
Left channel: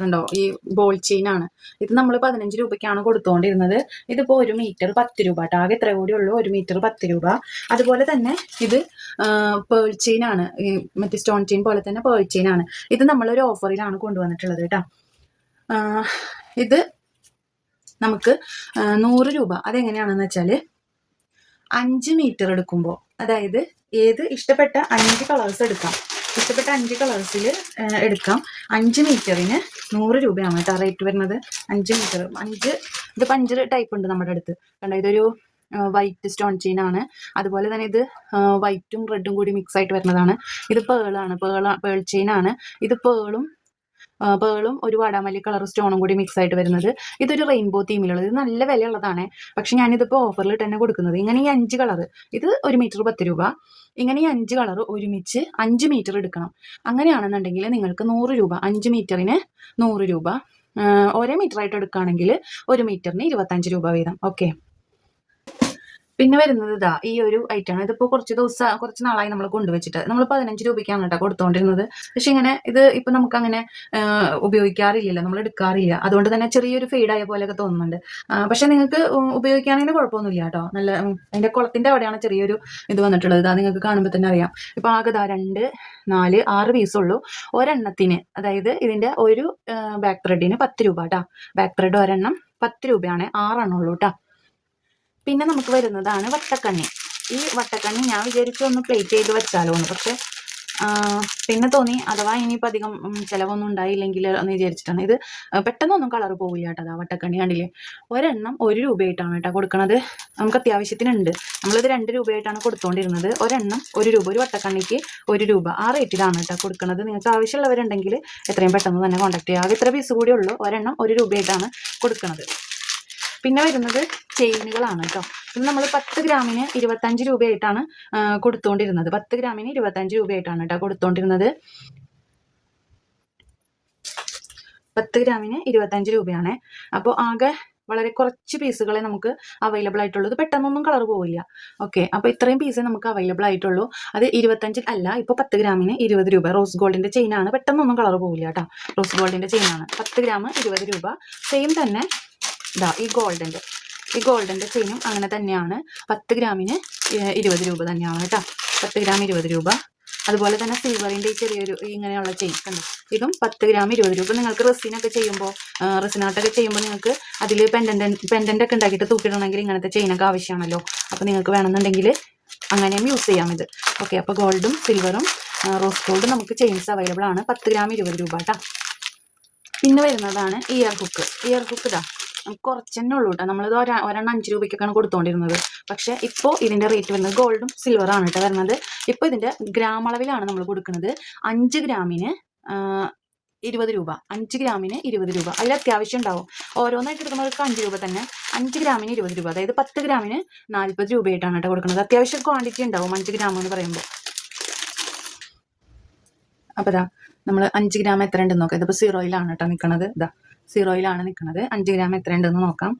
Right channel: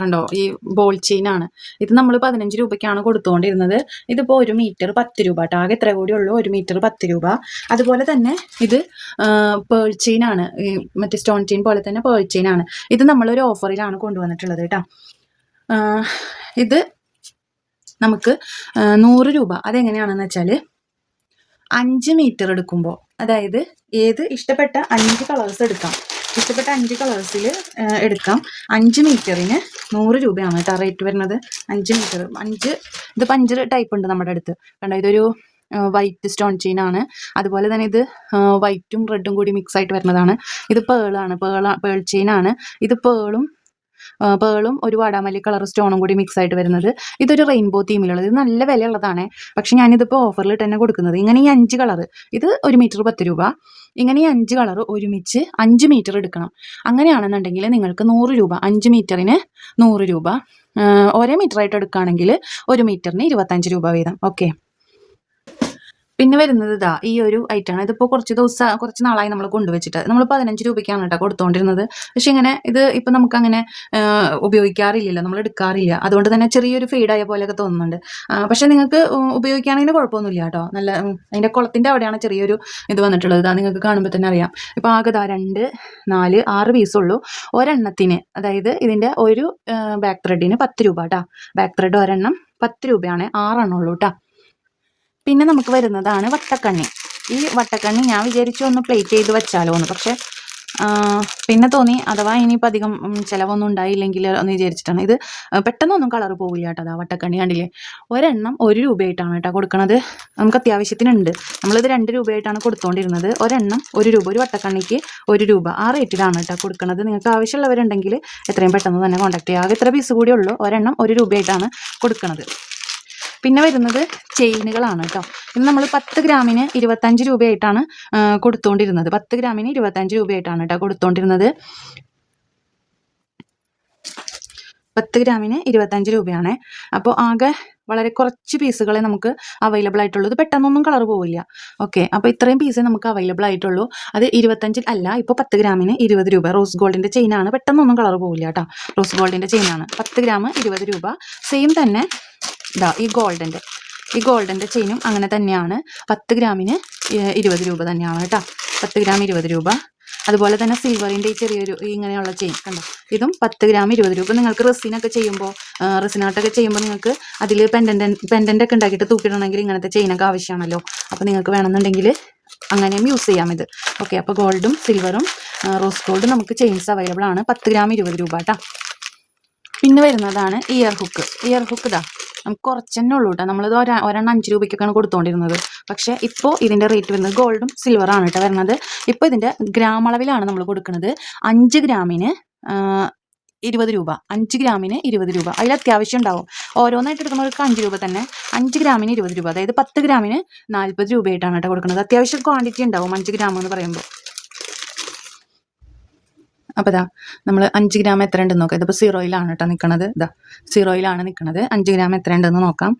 കണ്ടോ, ഈ ബോൾ ചെയിനാണ്. ഇത് നമ്മൾ 15 രൂപയ്ക്കാണ് കൊടുത്തുകൊണ്ടിരുന്നത്. ഇതിപ്പോൾ 1 മീറ്റർ 10 രൂപ കേട്ടോ. ആകെ എത്ര കൂടി ഉള്ളൂ, 1 മീറ്റർ 10 രൂപ. അതുപോലെ തന്നെ ഇത് പേൾ ചെയിനാണ്. ഈ മറ്റേ സ്റ്റോൺ ചെയിൻ പോലെ തന്നെ പേൾ ചെയിനാണ്. ഇത് നമ്മളൊരു ഓഫറിലാണ് കൊണ്ടുവന്നിട്ടുള്ളത് കേട്ടോ. ഇത് നമുക്ക് 100 രൂപ. അതെങ്ങനെയാണെന്ന് വെച്ചാൽ 5 മീറ്റർ എടുക്കുമ്പോൾ, അതായത് ഇഷ്ടപ്പെട്ട 5 കളേഴ്സ് എടുക്കാം. ഇഷ്ടപ്പെട്ട 5 കളേഴ്സിൽ എടുക്കാം. 5 മീറ്ററിന് 100 രൂപയാണ് കേട്ടോ റേറ്റ് വരുന്നത്. 5 മീറ്റർ ഇതിപ്പോൾ 5 ടൈപ്പ് ഉണ്ട് നമ്മുടെ അടുത്ത് കണ്ടോ. ഇതൊരു വൈറ്റ് സ്റ്റോൺ ചെയിൻ ആണ്. അതുപോലെ തന്നെ ഇത് വൈറ്റും റെഡും കൂടി മിക്സ് ആയിട്ട് വരുന്നതാണ്. ഇത് പേൾ ചെയിൻ ആണ്. ഇത് പേളും ഒരു വാടാമല്ലി കളർ സ്റ്റോണും കൂടി മിക്സ് ആയിട്ട് വരുന്നത്. ഇതൊരു റെയിൻബോ തീമിലുള്ളത്. ഇത് നല്ല വിലയുള്ളതാണ്. പക്ഷെ ഞാനിതിപ്പോൾ ഓഫറിൽ തന്നെ കൊടുക്കുന്നത്. ഇങ്ങനെ ഈ 5 കളർ, ഇത് 1 മീറ്റർ 10 രൂപ. ഇങ്ങനെ ഈ 5 കളർ ഒരുമിച്ച് 5 മീറ്റർ എടുക്കണം. അങ്ങനെയാണെന്നുണ്ടെങ്കിൽ നിങ്ങൾക്ക് 100 രൂപ. 5 മീറ്ററിന് 100 രൂപ. ഒരേ മീറ്റർ ആയിട്ട് എടുക്കുകയാണെങ്കിൽ 1 മീറ്ററിന് 25 രൂപ വീതം. ഓക്കെ. പിന്നെ വരുന്നത് ഈ ഒരു ഐറ്റമാണ്. ഇതിപ്പോൾ കുറച്ച് നാളായി നമ്മൾ കൊണ്ടുവച്ചിട്ട്. നമ്മൾ 15 രൂപയ്ക്കാണ് കേട്ടോ കൊടുത്തുകൊണ്ടിരുന്നത്. പക്ഷെ ഇങ്ങനെ ഇത് ഇപ്പം നമുക്കങ്ങനെ ഉപയോഗിക്കാറില്ലല്ലോ, നമ്മൾ എടുക്കാറില്ല. അതുകൊണ്ട് തന്നെ ചെറിയൊരു ഫെയ്ഡായ പോലെയൊക്കെ തോന്നുന്നുണ്ട്. പക്ഷെ നിങ്ങൾക്ക് ഉപയോഗിക്കുകയാണെങ്കിൽ കുഴപ്പമൊന്നുമില്ല കേട്ടോ. നല്ല അതിൻ്റെ കുളത്തിൻ്റെ അവിടെയാണ് ചെറിയൊരു ഇത് വന്നിട്ടുള്ളത്. ഇതാ നിങ്ങൾക്ക് കാണുമ്പോൾ തന്നെ അറിയാം. ഇപ്പോൾ ആകെ 2, 4, 6 പീസുള്ളൂ ഒരെണ്ണത്തിന്. അതായത് ഇതിൻ്റെ ഒരു ബാക്ക് ത്രെഡിന് 10 രൂപ കേട്ടോ. ബാക്ക് ത്രെഡ് ഒരെണ്ണം 10 രൂപയാണ്. 6 എണ്ണം ഉള്ളൂ കേട്ടോ. പിന്നെ നമുക്ക് വരുന്നതാണ് വട്ടക്കണ്ണി. ഈ വട്ടക്കണ്ണി ഞാൻ വിചാരിച്ചു ഒന്ന് പ്ലേറ്റ് ചെയ്ത് വെച്ചാലോ എന്ന്. പക്ഷെ പിന്നെ തോന്നി അഥവാ ഇനിയിപ്പോൾ അധികം ചിലവൊന്നും ഉണ്ടായില്ലെങ്കിൽ എന്ന് വിചാരിച്ചിട്ടാണ്. ഇത് പെട്ടെന്നൊന്നും കളർ പോവില്ല കേട്ടോ. അതാ വട്ടക്കണ്ണി കണ്ടില്ലേ, ഒരെണ്ണം 1 രൂപയായിട്ടാണ് കേട്ടോ കൊടുക്കുന്നത്. നമുക്ക് അത്യാവശ്യത്തിനുണ്ട്. നമ്മളിത് 2 രൂപയായിട്ടാണ് കൊടുത്തുകൊണ്ടിരുന്നത്. ഒരെണ്ണം 1 രൂപ. ഒരു വട്ടക്കണ്ണിക്ക് 1 രൂപ. ആ റേറ്റിലാണ് കേട്ടോ കൊടുക്കുന്നത്. നിങ്ങൾക്ക് ആവശ്യമുള്ളവരുണ്ടെങ്കിൽ എത്രയും പെട്ടെന്ന് തന്നെ കോൺടാക്ട് ചെയ്യുക. ആകെ ഇത്ര പീസ് കൂടി ഉള്ളൂ. ഒരെണ്ണം 1 രൂപയായിട്ടാണ് കൊടുക്കുന്നത്. പിന്നെ വരുന്നത് ചെയിനുകളാണ് കേട്ടോ. ഇത് നമ്മൾ 10 ഗ്രാമിന് 25 രൂപയായിട്ടാണ് കൊടുത്തുകൊണ്ടിരുന്നത്. 10 ഗ്രാമിന് 25 രൂപയായിട്ടാണ് കേട്ടോ കൊടുത്തുകൊണ്ടിരുന്നത്. 10 ഗ്രാമിന് 25 രൂപയാണ്. അപ്പോൾ ആകെ വളരെ കുറച്ച് പീസുകളെ നമുക്ക് അവൈലബിൾ ആയിട്ടുള്ളൂ. ഇത് പെട്ടെന്നൊന്നും കളർ പോവില്ല. ഓക്കെ. അപ്പോൾ ഇത്രയും പീസേ നമുക്ക് അവൈലബിൾ ആയിട്ടുള്ളൂ. അത് 25 അല്ല, ഇപ്പോൾ 10 ഗ്രാമിന് 20 രൂപ. റോസ് ഗോൾഡിൻ്റെ ചെയിനാണ്. പെട്ടെന്നൊന്നും കളർ പോവില്ല കേട്ടോ. റോസ് ഗോൾഡിൻ്റെ ചെയിനാണ്. 10 ഗ്രാം 20 രൂപ. സെയിം തന്നെ ഈ ഗോൾഡൻ്റെ ചെയിനും അങ്ങനെ തന്നെയാണ്. 10 ഗ്രാമിന് 20 രൂപ തന്നെയാണ് കേട്ടോ. 10 ഗ്രാം 20 രൂപ. അതുപോലെ തന്നെ സിൽവറിൻ്റെ ഈ ചെറിയൊരു ഇങ്ങനെയുള്ള ചെയിൻ കണ്ടോ, ഇതും 10 ഗ്രാം 20 രൂപ. നിങ്ങൾക്ക് റെസിനൊക്കെ ചെയ്യുമ്പോൾ നിങ്ങൾക്ക് അതിൽ പെൻഡൻ്റ് ഒക്കെ ഉണ്ടാക്കിയിട്ട് തൂക്കിയിടണമെങ്കിൽ ഇങ്ങനത്തെ ചെയിനൊക്കെ ആവശ്യമാണല്ലോ. അപ്പോൾ നിങ്ങൾക്ക് വേണമെന്നുണ്ടെങ്കിൽ അങ്ങനെയും യൂസ് ചെയ്യാം ഇത്. ഓക്കെ, അപ്പോൾ ഗോൾഡും സിൽവറും റോസ് ഗോൾഡും നമുക്ക് ചെയിൻസ് അവൈലബിൾ ആണ്. 10 ഗ്രാം 20 രൂപ കേട്ടോ. പിന്നെ വരുന്നതാണ് ഇയർ ഹുക്ക്. ഇതാ നമുക്ക് കുറച്ച് തന്നെ ഉള്ളൂ കേട്ടോ. നമ്മളിത് ഒരെണ്ണം 5 രൂപയ്ക്കൊക്കെയാണ് കൊടുത്തുകൊണ്ടിരുന്നത്. പക്ഷേ ഇപ്പോൾ ഇതിൻ്റെ റേറ്റ് വരുന്നത് ഗോൾഡും സിൽവറാണ് കേട്ടോ വരുന്നത്. ഇപ്പോൾ ഇതിൻ്റെ ഗ്രാം അളവിലാണ് നമ്മൾ കൊടുക്കുന്നത്. 5 ഗ്രാമിന് 20 രൂപ, 5 ഗ്രാമിന് 20 രൂപ. അതിൽ അത്യാവശ്യം ഉണ്ടാവും. ഓരോന്നായിട്ട് എടുക്കുന്നവർക്ക് 5 രൂപ തന്നെ, 5 ഗ്രാമിന് 20 രൂപ. അതായത് 10 ഗ്രാമിന് 40 രൂപയായിട്ടാണ് കേട്ടോ കൊടുക്കുന്നത്. അത്യാവശ്യം ക്വാണ്ടിറ്റി ഉണ്ടാവും 5 ഗ്രാം എന്ന് പറയുമ്പോൾ. അപ്പോൾ ഇതാ നമ്മൾ 5 ഗ്രാം എത്ര ഉണ്ടെന്ന് നോക്കാം. ഇതിപ്പോൾ 0-യിലാണ് കേട്ടോ നിൽക്കുന്നത്. ഇതാ 0-യിലാണ് നിൽക്കുന്നത്. 5 ഗ്രാം എത്ര ഉണ്ടെന്ന് നോക്കാം.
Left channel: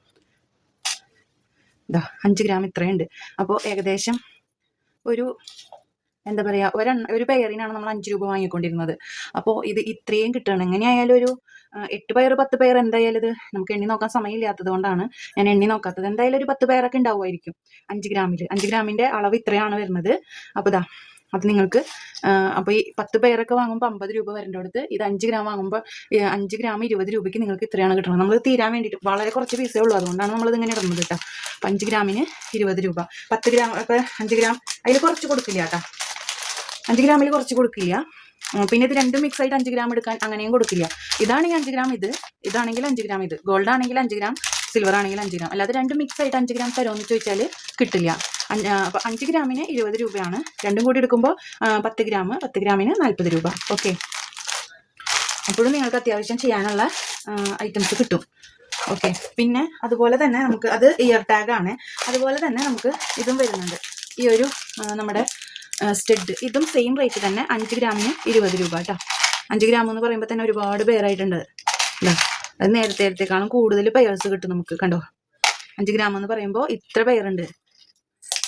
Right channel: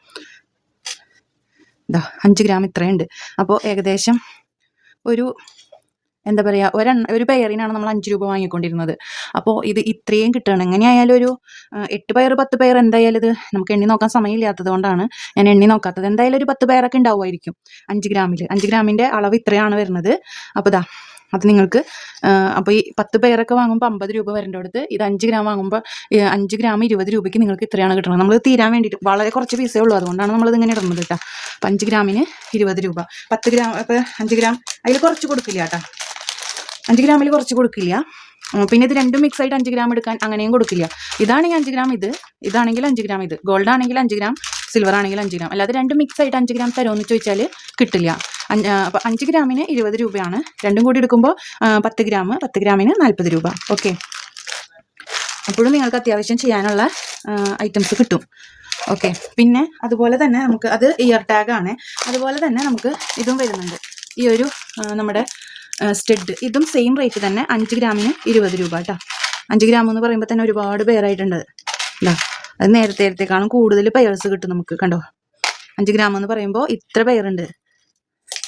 ഇതാ 5 ഗ്രാം ഇത്രയുണ്ട്. അപ്പോൾ ഏകദേശം ഒരു എന്താ പറയുക, ഒരു പെയറിനാണ് നമ്മൾ 5 രൂപ വാങ്ങിക്കൊണ്ടിരുന്നത്. അപ്പോൾ ഇത് ഇത്രയും കിട്ടുകയാണ്. എങ്ങനെയായാലും ഒരു 8 പെയർ 10 പെയർ എന്തായാലും ഇത് നമുക്ക് എണ്ണി നോക്കാൻ സമയമില്ലാത്തത് കൊണ്ടാണ് ഞാൻ എണ്ണി നോക്കാത്തത്. എന്തായാലും ഒരു 10 പെയറൊക്കെ ഉണ്ടാവുമായിരിക്കും 5 ഗ്രാമിൽ. 5 ഗ്രാമിൻ്റെ അളവ് ഇത്രയാണ് വരുന്നത്. അപ്പോൾ ഇതാ അത് നിങ്ങൾക്ക് അപ്പോൾ ഈ 10 പെയറൊക്കെ വാങ്ങുമ്പോൾ 50 രൂപ വരേണ്ട അടുത്ത് ഇത് 5 ഗ്രാം വാങ്ങുമ്പോൾ 5 ഗ്രാം 20 രൂപയ്ക്ക് നിങ്ങൾക്ക് ഇത്രയാണ് കിട്ടുന്നത്. നമ്മൾ തീരാൻ വേണ്ടിയിട്ട് വളരെ കുറച്ച് പീസേ ഉള്ളൂ, അതുകൊണ്ടാണ് നമ്മളിത് ഇങ്ങനെ ഇടുന്നത് കേട്ടോ. അപ്പോൾ 5 ഗ്രാമിന് 20 രൂപ. 10 ഗ്രാം അപ്പോൾ 5 ഗ്രാം അതിൽ കുറച്ച് കൊടുക്കില്ല കേട്ടോ. 5 ഗ്രാമിൽ കുറച്ച് കൊടുക്കില്ല. പിന്നെ ഇത് രണ്ടും മിക്സ് ആയിട്ട് 5 ഗ്രാം എടുക്കാൻ അങ്ങനെയും കൊടുക്കില്ല. ഇതാണെങ്കിൽ 5 ഗ്രാം ഇതാണെങ്കിൽ 5 ഗ്രാം ഗോൾഡ് ആണെങ്കിൽ 5 ഗ്രാം സിൽവർ ആണെങ്കിൽ 5 ഗ്രാം. അല്ലാതെ രണ്ടും മിക്സ് ആയിട്ട് 5 ഗ്രാം തരുമെന്ന് ചോദിച്ചാൽ കിട്ടില്ല. അപ്പോൾ 5 ഗ്രാമിന് 20 രൂപയാണ്. രണ്ടും കൂടി എടുക്കുമ്പോൾ 10 ഗ്രാമിന് 40 രൂപ. ഓക്കെ, അപ്പോഴും നിങ്ങൾക്ക് അത്യാവശ്യം ചെയ്യാനുള്ള ഐറ്റംസ് കിട്ടും. ഓക്കെ, പിന്നെ അതുപോലെ തന്നെ നമുക്ക് അത് ഇയർ ടാഗാണ്. അതുപോലെ തന്നെ നമുക്ക് ഇതും വരുന്നുണ്ട്. ഈ ഒരു നമ്മുടെ സ്റ്റഡ്, ഇതും സെയിം റേറ്റ് തന്നെ. 5 ഗ്രാമിന് 20 രൂപ കേട്ടോ. 5 ഗ്രാം എന്ന് പറയുമ്പോൾ തന്നെ ഒരുപാട് പേരായിട്ടുണ്ട് അല്ലേ. അത് നേരത്തേക്കാളും കൂടുതൽ പെയർസ് കിട്ടും നമുക്ക്. കണ്ടോ, 5 ഗ്രാം എന്ന് പറയുമ്പോൾ ഇത്ര പെയറുണ്ട്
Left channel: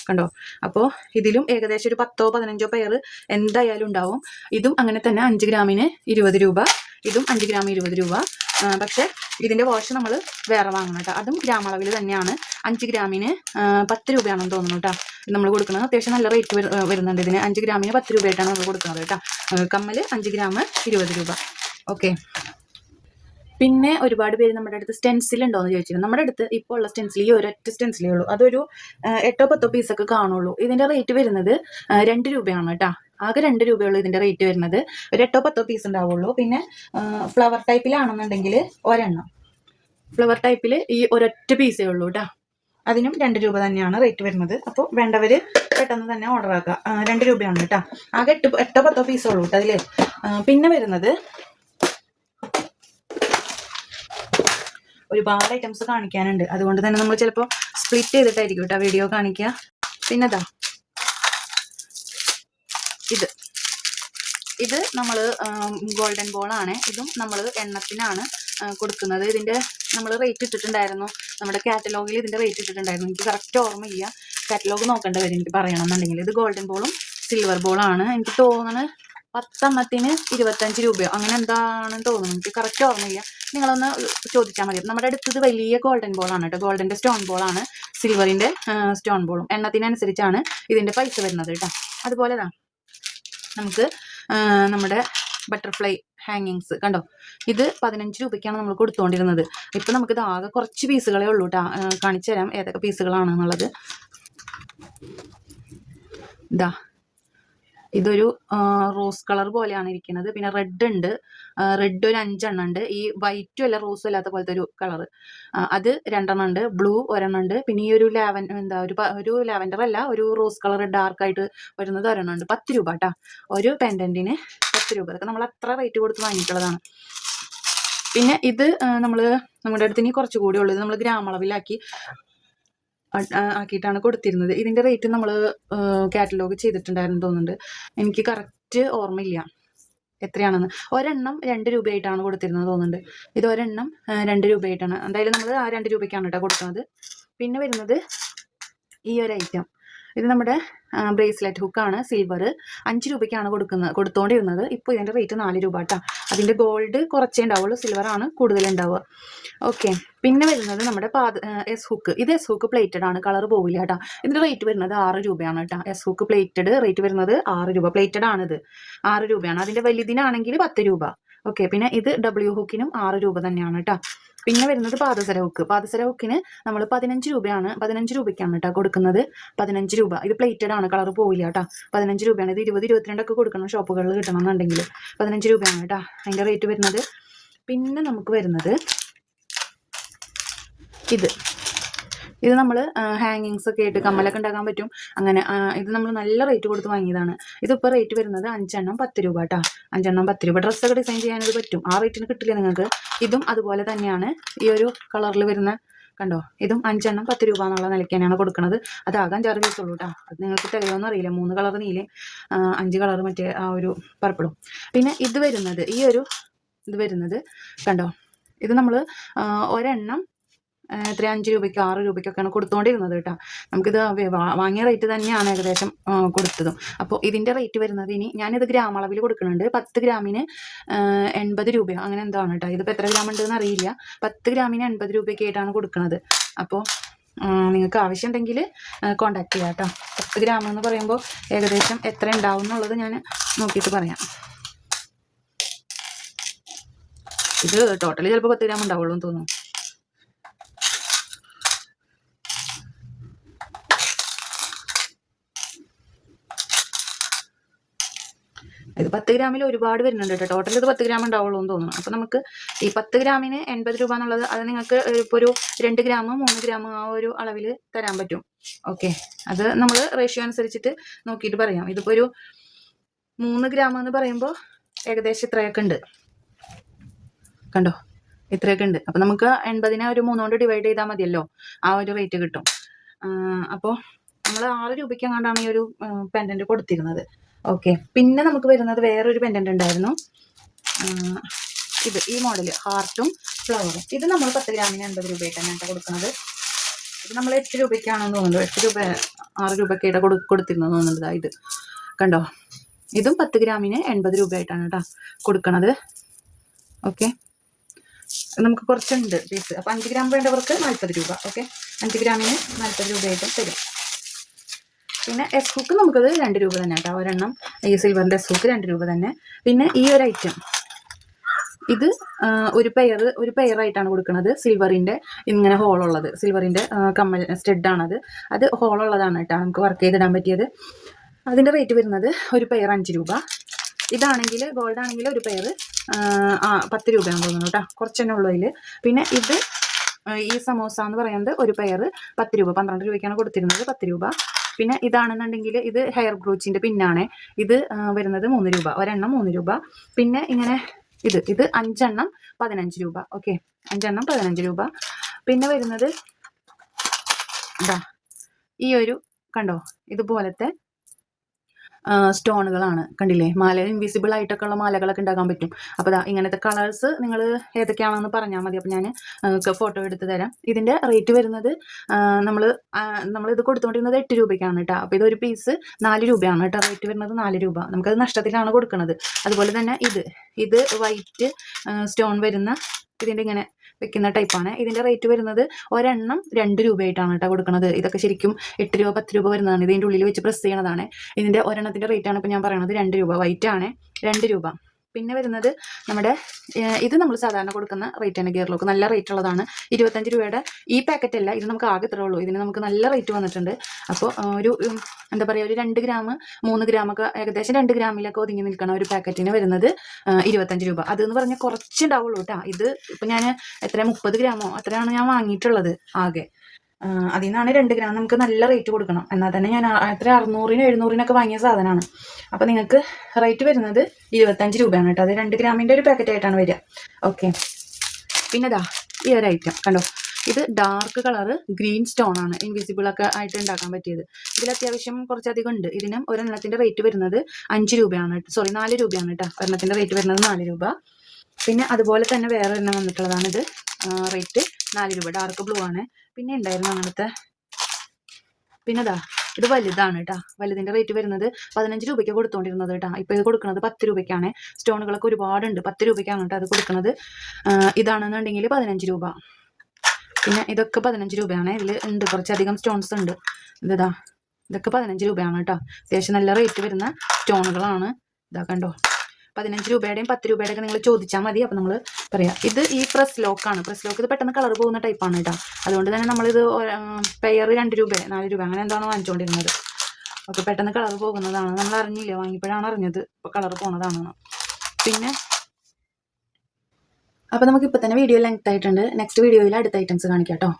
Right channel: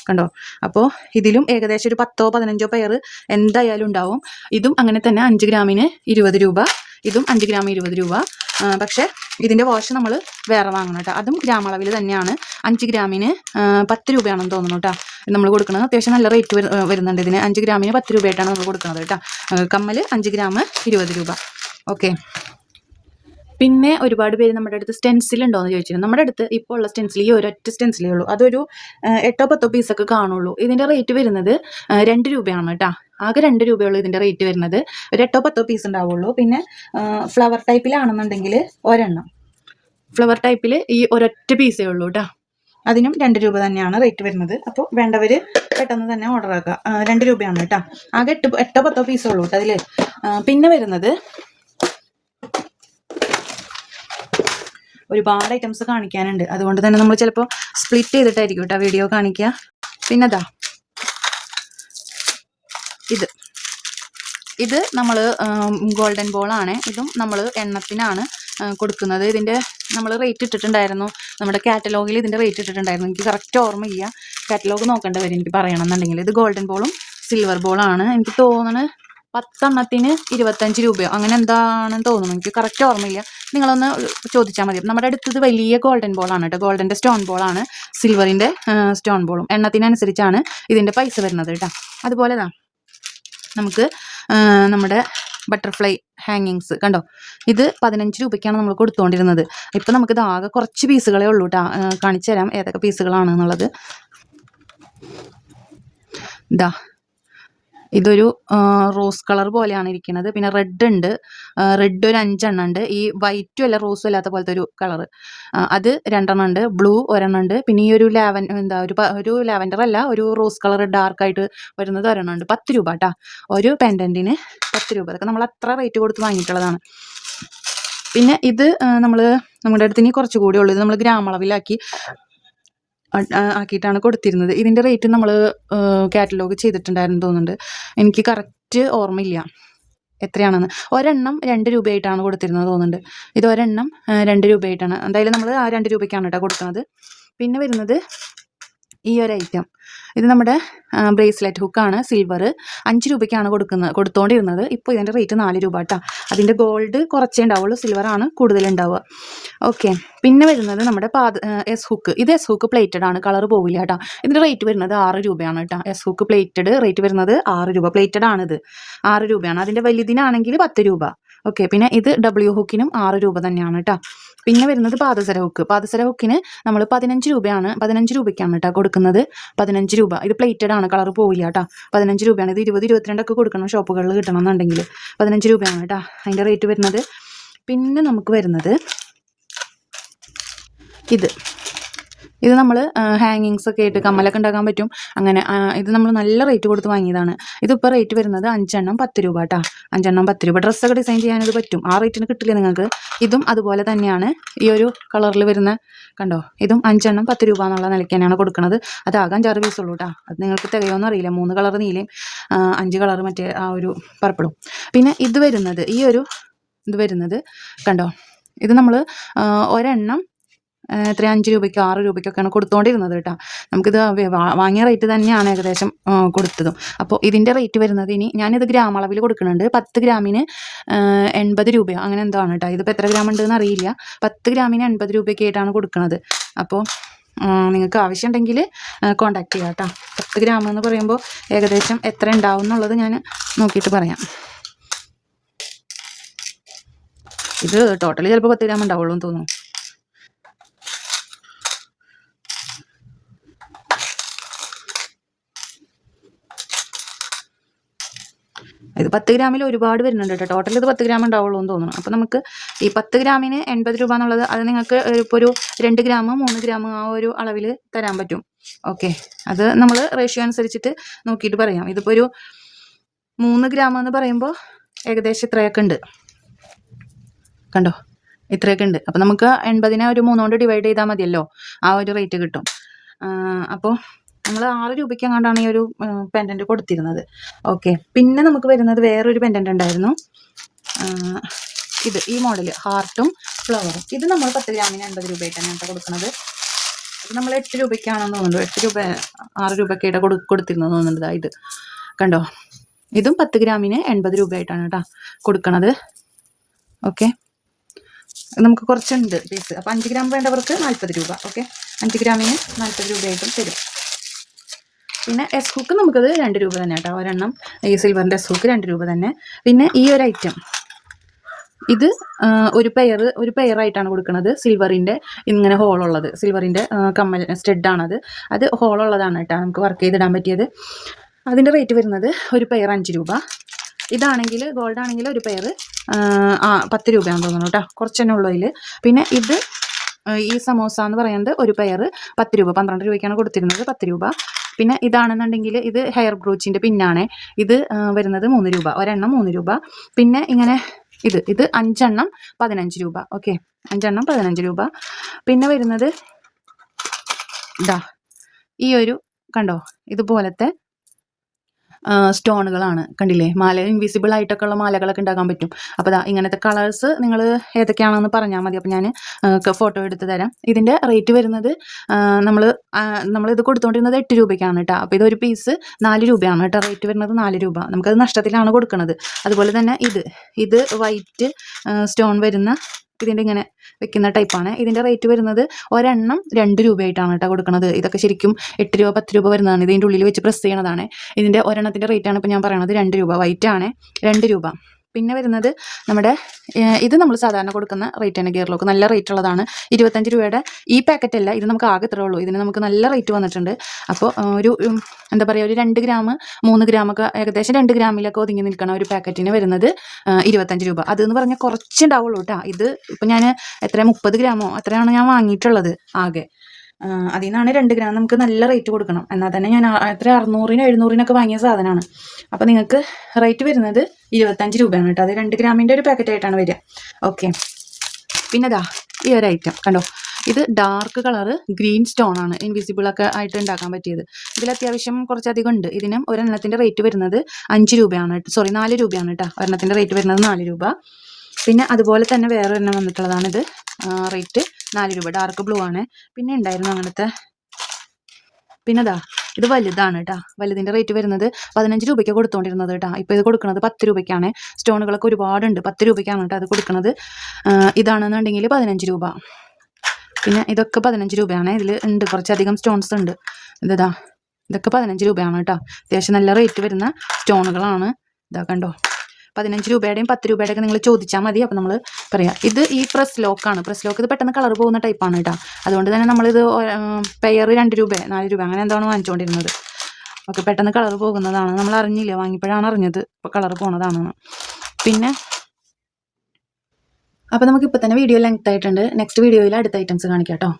കണ്ടോ. അപ്പോൾ ഇതിലും ഏകദേശം ഒരു 10-15 പെയർ എന്തായാലും ഉണ്ടാവും. ഇതും അങ്ങനെ തന്നെ 5 ഗ്രാമിന് 20 രൂപ, ഇതും 5 ഗ്രാം 20 രൂപ. പക്ഷേ ഇതിൻ്റെ വാഷ് നമ്മൾ വേറെ വാങ്ങണം കേട്ടോ. അതും ഗ്രാമളവിൽ തന്നെയാണ്. 5 ഗ്രാമിന് 10 രൂപയാണെന്ന് തോന്നുന്നു കേട്ടോ നമ്മൾ കൊടുക്കുന്നത്. അത്യാവശ്യം നല്ല റേറ്റ് വരുന്നുണ്ട് ഇതിന്. 5 ഗ്രാമിന് 10 രൂപയായിട്ടാണ് നമ്മൾ കൊടുക്കുന്നത് കേട്ടോ. കമ്മൽ 5 ഗ്രാം 20 രൂപ. ഓക്കെ, പിന്നെ ഒരുപാട് പേര് നമ്മുടെ അടുത്ത് സ്റ്റെൻസിൽ ഉണ്ടോ എന്ന് ചോദിച്ചിരുന്നു. നമ്മുടെ അടുത്ത് ഇപ്പോൾ ഉള്ള സ്റ്റെൻസിൽ ഈ ഒരൊറ്റ സ്റ്റെൻസിലേ ഉള്ളൂ. അതൊരു 8-10 പീസൊക്കെ കാണുള്ളൂ. ഇതിൻ്റെ റേറ്റ് വരുന്നത് 2 രൂപയാണ് കേട്ടോ. ആകെ 2 രൂപയുള്ളൂ ഇതിൻ്റെ റേറ്റ് വരുന്നത്. ഒരു 8-10 പീസ് ഉണ്ടാവുള്ളൂ. പിന്നെ ഫ്ലവർ ടൈപ്പിലാണെന്നുണ്ടെങ്കിൽ ഒരെണ്ണം, ഫ്ലവർ ടൈപ്പിൽ ഈ ഒരൊറ്റ പീസേ ഉള്ളൂ കേട്ടോ. അതിനും 2 രൂപ തന്നെയാണ് റേറ്റ് വരുന്നത്. അപ്പോൾ വേണ്ടവർ പെട്ടെന്ന് തന്നെ ഓർഡർ ആക്കുക. 2 രൂപയാണ് കേട്ടോ. ആകെ 8-10 പീസേ ഉള്ളൂ കേട്ടോ അതിൽ. പിന്നെ വരുന്നത് ഒരുപാട് ഐറ്റംസ് കാണിക്കാനുണ്ട്. അതുകൊണ്ട് തന്നെ നമ്മൾ ചിലപ്പോൾ സ്പ്ലിറ്റ് ചെയ്തിട്ടായിരിക്കും കേട്ടോ വീഡിയോ കാണിക്കുക. പിന്നെ ഇതാ ഇത് നമ്മൾ ഗോൾഡൻ ബോളാണ്. ഇതും നമ്മൾ എണ്ണത്തിനാണ് കൊടുക്കുന്നത്. ഇതിൻ്റെ നമ്മൾ റേറ്റ് ഇട്ടിട്ടുണ്ടായിരുന്നു നമ്മുടെ കാറ്റലോഗിൽ. ഇതിൻ്റെ റേറ്റ് ഇട്ടിട്ടുണ്ടായിരുന്നു. എനിക്ക് കറക്റ്റ് ഓർമ്മയില്ല. കാറ്റലോഗ് നോക്കേണ്ടി വരും എനിക്ക് പറയണമെന്നുണ്ടെങ്കിൽ. ഇത് ഗോൾഡൻ ബോളും സിൽവർ ബോളാണ്. എനിക്ക് തോന്നുന്നത് 10 എണ്ണത്തിന് 25 രൂപയോ അങ്ങനെ എന്താണെന്ന് തോന്നുന്നു. എനിക്ക് കറക്റ്റ് ഓർമ്മയില്ല. നിങ്ങളൊന്ന് ചോദിച്ചാൽ മതി. നമ്മുടെ അടുത്തത് വലിയ ഗോൾഡൻ ബോളാണ് കേട്ടോ. ഗോൾഡൻ്റെ സ്റ്റോൺ ബോളാണ്, സിൽവറിൻ്റെ സ്റ്റോൺ ബോളും. എണ്ണത്തിനനുസരിച്ചാണ് ഇതിൻ്റെ പൈസ വരുന്നത് കേട്ടോ. അതുപോലെ നമുക്ക് നമ്മുടെ ബട്ടർഫ്ലൈ ഹാങ്ങിങ്സ് കണ്ടോ. ഇത് 15 രൂപയ്ക്കാണ് നമ്മൾ കൊടുത്തുകൊണ്ടിരുന്നത്. ഇപ്പം നമുക്കിത് ആകെ കുറച്ച് പീസുകളേ ഉള്ളൂ കേട്ടോ. കാണിച്ചു തരാം ഏതൊക്കെ പീസുകളാണെന്നുള്ളത്. ഇതാ ഇതൊരു റോസ് കളർ പോലെയാണ് ഇരിക്കുന്നത്. പിന്നെ റെഡ് ഉണ്ട്. റെഡ് ഒരു 5 എണ്ണം ഉണ്ട്. ഈ വൈറ്റും അല്ല റോസും അല്ലാത്ത പോലത്തെ ഒരു കളർ, അത് 2 എണ്ണം ഉണ്ട്. ബ്ലൂ ഒരെണ്ണം ഉണ്ട്. പിന്നെ ഈ ഒരു ഒരു ലാവൻഡർ അല്ല, ഒരു റോസ് കളർ ഡാർക്കായിട്ട് വരുന്നത് ഒരെണ്ണം ഉണ്ട്. 10 രൂപ കേട്ടോ. ഒരു പെൻഡൻറ്റിന് 10 രൂപ. അതൊക്കെ നമ്മൾ അത്ര റേറ്റ് കൊടുത്ത് വാങ്ങിയിട്ടുള്ളതാണ്. പിന്നെ ഇത് നമ്മുടെ അടുത്ത് ഇനി കുറച്ചുകൂടി ഉള്ളത് നമ്മൾ ഗ്രാമളവിലാക്കി ആക്കിയിട്ടാണ് കൊടുത്തിരുന്നത്. ഇതിൻ്റെ റേറ്റ് നമ്മൾ കാറ്റലോഗ് ചെയ്തിട്ടുണ്ടായിരുന്നു തോന്നുന്നുണ്ട്. എനിക്ക് കറക്റ്റ് ഓർമ്മയില്ല എത്രയാണെന്ന്. ഒരെണ്ണം 2 രൂപയായിട്ടാണ് കൊടുത്തിരുന്നത് തോന്നുന്നുണ്ട്. ഇത് ഒരെണ്ണം 2 രൂപയായിട്ടാണ്. എന്തായാലും നമ്മൾ ആ 2 രൂപയ്ക്കാണ് കേട്ടോ കൊടുക്കുന്നത്. പിന്നെ വരുന്നത് ഈ ഒരു ഐറ്റം, ഇത് നമ്മുടെ ബ്രേസ്ലെറ്റ് ഹുക്കാണ്. സിൽവർ 5 രൂപയ്ക്കാണ് കൊടുത്തുകൊണ്ടിരുന്നത്. ഇപ്പോൾ ഇതിൻ്റെ റേറ്റ് 4 രൂപ കേട്ടോ. അതിൻ്റെ ഗോൾഡ് കുറച്ചേ ഉണ്ടാവുള്ളൂ, സിൽവറാണ് കൂടുതലുണ്ടാവുക. ഓക്കെ, പിന്നെ വരുന്നത് നമ്മുടെ എസ് ഹുക്ക്. ഇത് എസ് ഹുക്ക് പ്ലേറ്റഡ് ആണ്, കളർ പോവില്ല കേട്ടോ. ഇതിൻ്റെ റേറ്റ് വരുന്നത് 6 രൂപയാണ് കേട്ടോ. എസ് ഹുക്ക് പ്ലേറ്റഡ് റേറ്റ് വരുന്നത് 6 രൂപ. പ്ലേറ്റഡ് ആണിത് 6 രൂപയാണ്. അതിൻ്റെ വലുതിനാണെങ്കിൽ 10 രൂപ. ഓക്കെ. പിന്നെ ഇത് ഡബ്ല്യു ഹുക്കിനും 6 രൂപ തന്നെയാണ് കേട്ടോ. പിന്നെ വരുന്നത് പാദസര ഹുക്ക്. പാദസര ഹുക്കിന് നമ്മൾ 15 രൂപയാണ്, 15 രൂപയ്ക്കാണ് കേട്ടോ കൊടുക്കുന്നത്. 15 രൂപ. ഇത് പ്ലേറ്റഡ് ആണ്, കളർ പോവില്ല കേട്ടോ. 15 രൂപയാണ്. ഇത് 20, 22 ഒക്കെ കൊടുക്കണം ഷോപ്പുകളിൽ കിട്ടണമെന്നുണ്ടെങ്കിൽ. 15 രൂപയാണ് കേട്ടോ അതിൻ്റെ റേറ്റ് വരുന്നത്. പിന്നെ നമുക്ക് വരുന്നത് ഇത് നമ്മൾ ഹാങ്ങിങ്സ് ഒക്കെ ആയിട്ട് കമ്മലൊക്കെ ഉണ്ടാക്കാൻ പറ്റും. അങ്ങനെ ഇത് നമ്മൾ നല്ല റേറ്റ് കൊടുത്ത് വാങ്ങിയതാണ്. ഇതിപ്പോൾ റേറ്റ് വരുന്നത് 5 എണ്ണം 10 രൂപ കേട്ടോ. 5 എണ്ണം 10 രൂപ. ഡ്രസ്സൊക്കെ ഡിസൈൻ ചെയ്യാനത് പറ്റും. ആ റേറ്റിന് കിട്ടില്ല നിങ്ങൾക്ക്. ഇതും അതുപോലെ തന്നെയാണ്. ഈ ഒരു കളറിൽ വരുന്ന കണ്ടോ, ഇതും 5 എണ്ണം 10 രൂപ എന്നുള്ള നിലയ്ക്ക് തന്നെയാണ് കൊടുക്കുന്നത്. അതാകാൻ 6 പീസുള്ളൂ കേട്ടോ. അത് നിങ്ങൾക്ക് തികയോന്നും അറിയില്ല. 3 കളർ നീലയും 5 കളർ മറ്റേ ആ ഒരു പർപ്പിളും. പിന്നെ ഇത് വരുന്നത് കണ്ടോ, ഇത് നമ്മൾ ഒരെണ്ണം എത്ര 5 രൂപയ്ക്കോ 6 രൂപയ്ക്കൊക്കെയാണ് കൊടുത്തുകൊണ്ടിരുന്നത് കേട്ടോ. നമുക്കിത് വാങ്ങിയ റേറ്റ് തന്നെയാണ് ഏകദേശം കൊടുത്തതും. അപ്പോൾ ഇതിൻ്റെ റേറ്റ് വരുന്നത്, ഇനി ഞാനിത് ഗ്രാം അളവിൽ കൊടുക്കുന്നുണ്ട്. 10 ഗ്രാമിന് 80 രൂപയോ അങ്ങനെ എന്തോ ആണ് കേട്ടോ. ഇതിപ്പോൾ എത്ര ഗ്രാം ഉണ്ടെന്ന് അറിയില്ല. 10 ഗ്രാമിന് 80 രൂപയൊക്കെ ആയിട്ടാണ് കൊടുക്കുന്നത്. അപ്പോൾ നിങ്ങൾക്ക് ആവശ്യമുണ്ടെങ്കിൽ കോൺടാക്ട് ചെയ്യാം കേട്ടോ. 10 ഗ്രാം എന്ന് പറയുമ്പോൾ ഏകദേശം എത്ര ഉണ്ടാവും എന്നുള്ളത് ഞാൻ നോക്കിയിട്ട് പറയാം. ഇത് ടോട്ടലി ചിലപ്പോൾ 10 ഗ്രാം ഉണ്ടാവുള്ളൂ എന്ന് തോന്നുന്നു. ഇത് 10 ഗ്രാമിൽ ഒരുപാട് വരുന്നുണ്ട് കേട്ടോ. ടോട്ടൽ ഇത് 10 ഗ്രാം ഉണ്ടാവുള്ളൂ എന്ന് തോന്നുന്നു. അപ്പോൾ നമുക്ക് ഈ 10 ഗ്രാമിന് 80 രൂപ എന്നുള്ളത്, അത് നിങ്ങൾക്ക് ഇപ്പോൾ ഒരു 2 ഗ്രാം 3 ഗ്രാം ആ ഒരു അളവിൽ തരാൻ പറ്റും. ഓക്കെ. അത് നമ്മൾ റേഷ്യോ അനുസരിച്ചിട്ട് നോക്കിയിട്ട് പറയാം. ഇതിപ്പോൾ ഒരു 3 ഗ്രാം എന്ന് പറയുമ്പോൾ ഏകദേശം ഇത്രയൊക്കെ ഉണ്ട് കണ്ടോ, ഇത്രയൊക്കെ ഉണ്ട്. അപ്പോൾ നമുക്ക് 80നെ ഒരു 3 കൊണ്ട് ഡിവൈഡ് ചെയ്താൽ മതിയല്ലോ, ആ ഒരു റേറ്റ് കിട്ടും. അപ്പോൾ നമ്മൾ 6 രൂപയ്ക്ക് എങ്ങാണ്ടാണ് ഈ ഒരു പെൻഡൻറ്റ് കൊടുത്തിരുന്നത്. ഓക്കെ. പിന്നെ നമുക്ക് വരുന്നത് വേറൊരു പെൻഡൻറ്റ് ഉണ്ടായിരുന്നു. ഈ മോഡൽ ഹാർട്ടും ഫ്ലവറും. ഇത് നമ്മൾ 10 ഗ്രാമിന് 80 രൂപയ്ക്കാണ് കേട്ടോ കൊടുക്കുന്നത്. ഇത് നമ്മൾ 8 രൂപയ്ക്കാണെന്ന് തോന്നുന്നുണ്ട്. 8 രൂപ 6 രൂപയ്ക്കായിട്ട് കൊടുത്തിരുന്നു തോന്നുന്നുണ്ട്. ഇത് കണ്ടോ, ഇതും 10 ഗ്രാമിന് 80 രൂപയായിട്ടാണ് കേട്ടോ കൊടുക്കുന്നത്. ഓക്കെ. നമുക്ക് കുറച്ചുണ്ട് പീസ്. അപ്പോൾ 5 ഗ്രാം വേണ്ടവർക്ക് 40 രൂപ. ഓക്കെ. 5 ഗ്രാമിന് 40 രൂപയായിട്ടും തരും. പിന്നെ എസ് ഹുക്ക് നമുക്കത് 2 രൂപ തന്നെ കേട്ടോ. ഒരെണ്ണം ഈ സിൽവറിൻ്റെ എസ് ഹുക്ക് 2 രൂപ തന്നെ. പിന്നെ ഈ ഒരു ഐറ്റം, ഇത് ഒരു പെയറായിട്ടാണ് കൊടുക്കുന്നത്. സിൽവറിൻ്റെ ഇങ്ങനെ ഹോളുള്ളത്, സിൽവറിൻ്റെ കമ്മൽ സ്റ്റഡാണത്. അത് ഹോളുള്ളതാണ് കേട്ടോ, നമുക്ക് വർക്ക് ചെയ്തിടാൻ പറ്റിയത്. അതിൻ്റെ റേറ്റ് വരുന്നത് ഒരു പെയർ 5 രൂപ. ഇതാണെങ്കിൽ ഗോൾഡ് ആണെങ്കിൽ ഒരു പെയർ 10 രൂപയാണെന്ന് തോന്നുന്നു കേട്ടോ. കുറച്ചെന്നെ ഉള്ളൂ അതിൽ. പിന്നെ ഇത് ഈ സമോസ എന്ന് പറയുന്നത് ഒരു പെയർ 10 രൂപ. 12 രൂപയ്ക്കാണ് കൊടുത്തിരുന്നത്, 10 രൂപ. പിന്നെ ഇതാണെന്നുണ്ടെങ്കിൽ ഇത് ഹെയർ ബ്രൂച്ചിൻ്റെ പിന്നാണ്. ഇത് വരുന്നത് 3 രൂപ. ഒരെണ്ണം 3 രൂപ. പിന്നെ ഇങ്ങനെ ഇത് 5 എണ്ണം 15 രൂപ. ഓക്കെ. 5 എണ്ണം 15 രൂപ. പിന്നെ വരുന്നത് ഈ ഒരു കണ്ടോ, ഇതുപോലത്തെ സ്റ്റോണുകളാണ്. കണ്ടില്ലേ, മാല ഇൻവിസിബിൾ ആയിട്ടൊക്കെ ഉള്ള മാലകളൊക്കെ ഉണ്ടാക്കാൻ പറ്റും. അപ്പോൾ ഇങ്ങനത്തെ കളേഴ്സ് നിങ്ങൾ ഏതൊക്കെയാണെന്ന് പറഞ്ഞാൽ മതി. അപ്പോൾ ഞാൻ ഫോട്ടോ എടുത്ത് തരാം. ഇതിൻ്റെ റേറ്റ് വരുന്നത് നമ്മളിത് കൊടുത്തുകൊണ്ടിരുന്നത് 8 രൂപയ്ക്കാണ് കേട്ടോ. അപ്പോൾ ഇതൊരു പീസ് 4 രൂപയാണ് കേട്ടോ. റേറ്റ് വരുന്നത് 4 രൂപ. നമുക്കത് നഷ്ടത്തിലാണ് കൊടുക്കുന്നത്. അതുപോലെ തന്നെ ഇത് വൈറ്റ് സ്റ്റോൺ വരുന്ന ഇതിൻ്റെ ഇങ്ങനെ വെക്കുന്ന ടൈപ്പാണ്. ഇതിൻ്റെ റേറ്റ് വരുന്നത് ഒരെണ്ണം 2 രൂപയായിട്ടാണ് കേട്ടോ കൊടുക്കുന്നത്. ഇതൊക്കെ ശരിക്കും 8 രൂപ 10 രൂപ വരുന്നതാണ്. ഇതിൻ്റെ ഉള്ളിൽ വെച്ച് പ്രസ് ചെയ്യണതാണ്. ഇതിൻ്റെ ഒരെണ്ണത്തിൻ്റെ റേറ്റാണ് ഇപ്പോൾ ഞാൻ പറയണത് 2 രൂപ. വൈറ്റ് ആണ് 2 രൂപ. പിന്നെ വരുന്നത് നമ്മുടെ ഇത് നമ്മൾ സാധാരണ കൊടുക്കുന്ന റേറ്റ് തന്നെ. ഗിയർ ലോക്ക് നല്ല റേറ്റ് ഉള്ളതാണ്. 25 രൂപയുടെ ഈ പാക്കറ്റ് അല്ല, ഇത് നമുക്ക് ആകെ ഇത്രേ ഉള്ളൂ. ഇതിന് നമുക്ക് നല്ല റേറ്റ് വന്നിട്ടുണ്ട്. അപ്പോൾ ഒരു എന്താ പറയുക, ഒരു 2 ഗ്രാം 3 ഗ്രാമൊക്കെ ഏകദേശം 2 ഗ്രാമിലൊക്കെ ഒതുങ്ങി നിൽക്കണം ഒരു പാക്കറ്റിന് വരുന്നത് 25 രൂപ. അതെന്ന് പറഞ്ഞാൽ കുറച്ചുണ്ടാവുള്ളൂ കേട്ടോ. ഇത് ഇപ്പം ഞാൻ 30 ഗ്രാമോ അത്രയാണ് ഞാൻ വാങ്ങിയിട്ടുള്ളത് ആകെ. അതിൽ നിന്നാണ് 2 ഗ്രാം നമുക്ക് നല്ല റേറ്റ് കൊടുക്കണം. എന്നാൽ തന്നെ ഞാൻ 600-ന് 700-നൊക്കെ വാങ്ങിയ സാധനമാണ്. അപ്പോൾ നിങ്ങൾക്ക് റേറ്റ് വരുന്നത് 25 രൂപയാണ് കേട്ടോ. അത് 2 ഗ്രാമിൻ്റെ ഒരു പാക്കറ്റായിട്ടാണ് വരിക. ഓക്കെ. പിന്നെ ഈ ഒരു ഐറ്റം കണ്ടോ, ഇത് ഡാർക്ക് കളറ് ഗ്രീൻ സ്റ്റോൺ ആണ്. ഇൻവിസിബിളൊക്കെ ആയിട്ട് ഉണ്ടാക്കാൻ പറ്റിയത്. ഇതിൽ അത്യാവശ്യം കുറച്ചധികം ഉണ്ട്. ഇതിനും ഒരെണ്ണത്തിൻ്റെ റേറ്റ് വരുന്നത് 5 രൂപയാണ്. 4 രൂപയാണ് കേട്ടോ. ഒരെണ്ണത്തിൻ്റെ റേറ്റ് വരുന്നത് 4 രൂപ. പിന്നെ അതുപോലെ തന്നെ വേറൊരെണ്ണം വന്നിട്ടുള്ളതാണിത്. റേറ്റ് 4 രൂപ. ഡാർക്ക് ബ്ലൂ ആണ്. പിന്നെ ഉണ്ടായിരുന്നു അങ്ങനത്തെ. പിന്നെ ഇത് വലുതാണ് കേട്ടോ. വലുതിൻ്റെ റേറ്റ് വരുന്നത് 15 രൂപയ്ക്ക് കൊടുത്തുകൊണ്ടിരുന്നത് കേട്ടോ. ഇപ്പോൾ ഇത് കൊടുക്കുന്നത് 10 രൂപയ്ക്കാണ്. സ്റ്റോണുകളൊക്കെ ഒരുപാടുണ്ട്. 10 രൂപയ്ക്കാണ് കേട്ടോ അത് കൊടുക്കുന്നത്. ഇതാണെന്നുണ്ടെങ്കിൽ 15 രൂപ. പിന്നെ ഇതൊക്കെ 15 രൂപയാണ്. ഇതിൽ ഉണ്ട് കുറച്ചധികം സ്റ്റോൺസ് ഉണ്ട്. ഇതൊക്കെ 15 രൂപയാണ് കേട്ടോ. അത്യാവശ്യം നല്ല റേറ്റ് വരുന്ന സ്റ്റോണുകളാണ്. കണ്ടോ. 15 രൂപയുടെയും 10 രൂപയുടെയൊക്കെ നിങ്ങൾ ചോദിച്ചാൽ മതി. അപ്പോൾ നമ്മൾ പറയാം. ഇത് ഈ പ്രസ് ലോക്കാണ്. പ്രസ് ലോക്ക് ഇത് പെട്ടെന്ന് കളർ പോകുന്ന ടൈപ്പാണ് കേട്ടോ. അതുകൊണ്ട് തന്നെ നമ്മളിത് പെയർ 2 രൂപ 4 രൂപ അങ്ങനെ എന്താണ് വാങ്ങിച്ചുകൊണ്ടിരുന്നത്. ഓക്കെ, പെട്ടെന്ന് കളർ പോകുന്നതാണ്. നമ്മൾ അറിഞ്ഞില്ല, വാങ്ങിയപ്പോഴാണ് അറിഞ്ഞത് ഇപ്പോൾ കളർ പോകുന്നതാണെന്ന്. പിന്നെ അപ്പോൾ നമുക്ക് ഇപ്പോൾ തന്നെ വീഡിയോ ലെങ്ത് ആയിട്ടുണ്ട്. നെക്സ്റ്റ് വീഡിയോയിൽ അടുത്ത ഐറ്റംസ് കാണിക്കാം കേട്ടോ.